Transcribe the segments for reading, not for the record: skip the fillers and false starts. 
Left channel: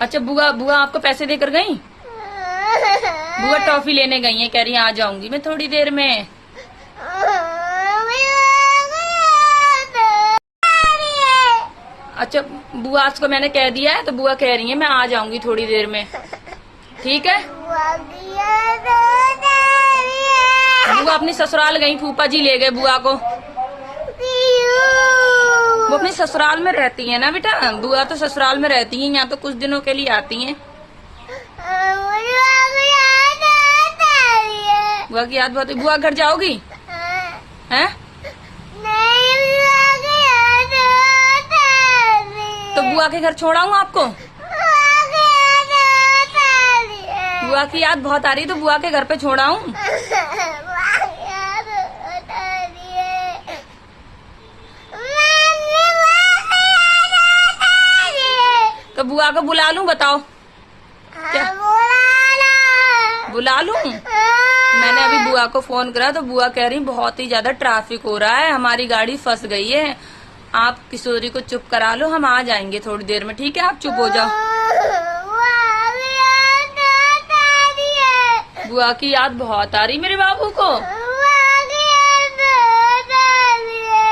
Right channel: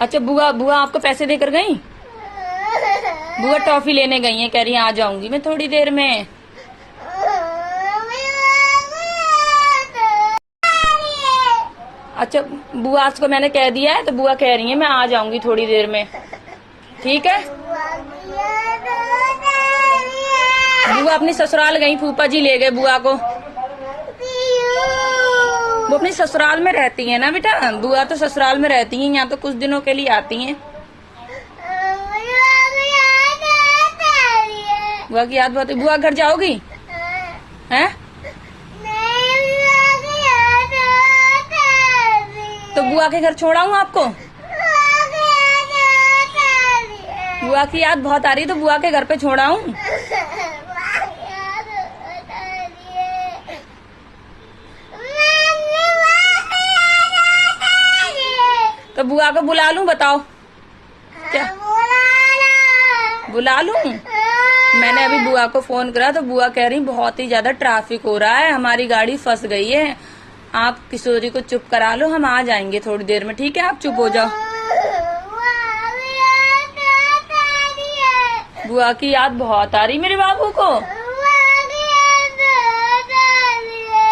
अच्छा, बुआ बुआ आपको पैसे देकर गई? बुआ टॉफी लेने गई है, कह रही है आ जाऊंगी मैं थोड़ी देर में। अच्छा, बुआ आज को मैंने कह दिया है तो बुआ कह रही है मैं आ जाऊंगी थोड़ी देर में, ठीक है? बुआ अपनी ससुराल गई, फूफा जी ले गए बुआ को। वो अपनी ससुराल में रहती है ना बेटा, बुआ तो ससुराल में रहती है, यहाँ तो कुछ दिनों के लिए आती हैं। बुआ की याद बहुत है। बुआ घर जाओगी? हैं? तो बुआ के घर छोड़ाऊं आपको? बुआ की याद बहुत आ रही, तो बुआ के घर पे छोड़ाऊं? तो बुआ को बुला लूं, बताओ क्या? बुला लूं? मैंने अभी बुआ को फोन करा तो बुआ कह रही बहुत ही ज्यादा ट्रैफिक हो रहा है, हमारी गाड़ी फंस गई है, आप किशोरी को चुप करा लो, हम आ जाएंगे थोड़ी देर में, ठीक है? आप चुप हो जाओ। बुआ की याद बहुत आ रही मेरे बाबू को।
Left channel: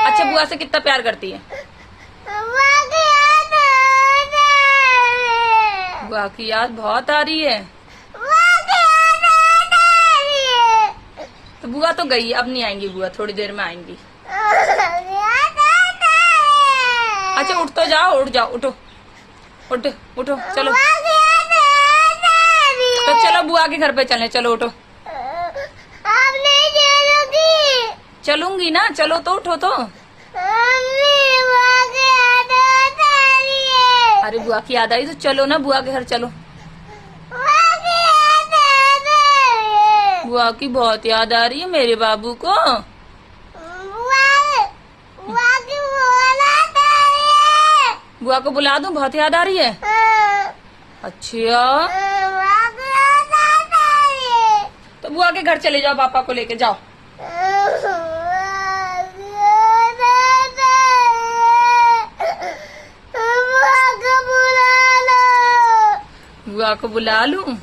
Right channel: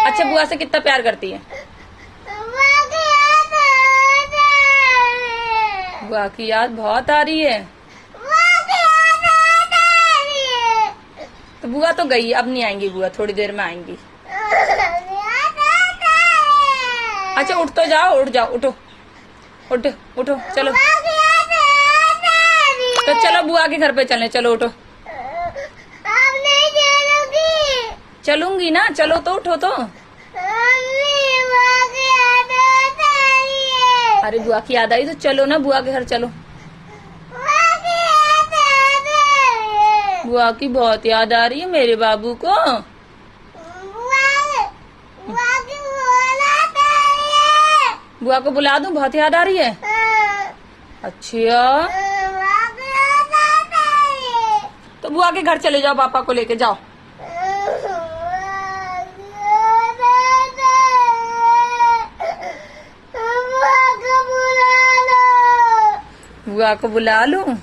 अच्छा, बुआ से कितना प्यार करती है? बुआ की याद बहुत आ रही है। तो बुआ तो गई, अब नहीं आएंगी बुआ, थोड़ी देर में आएंगी। अच्छा, उठ तो जाओ, उठ जाओ, उठो उठो उठो, चलो तो चलो बुआ के घर पे चले, चलो उठो। चलूंगी ना, चलो तो उठो तो। अरे बुआ की याद आई तो चलो ना, बुआ के घर चलो। बुआ की बहुत याद आ रही है मेरे बाबू को। बुआ को बुला दूं, बहुत याद आ रही है। अच्छा, तो बुआ के घर चले जाओ, पापा को लेके जाओ। बुआ को बुला लूं?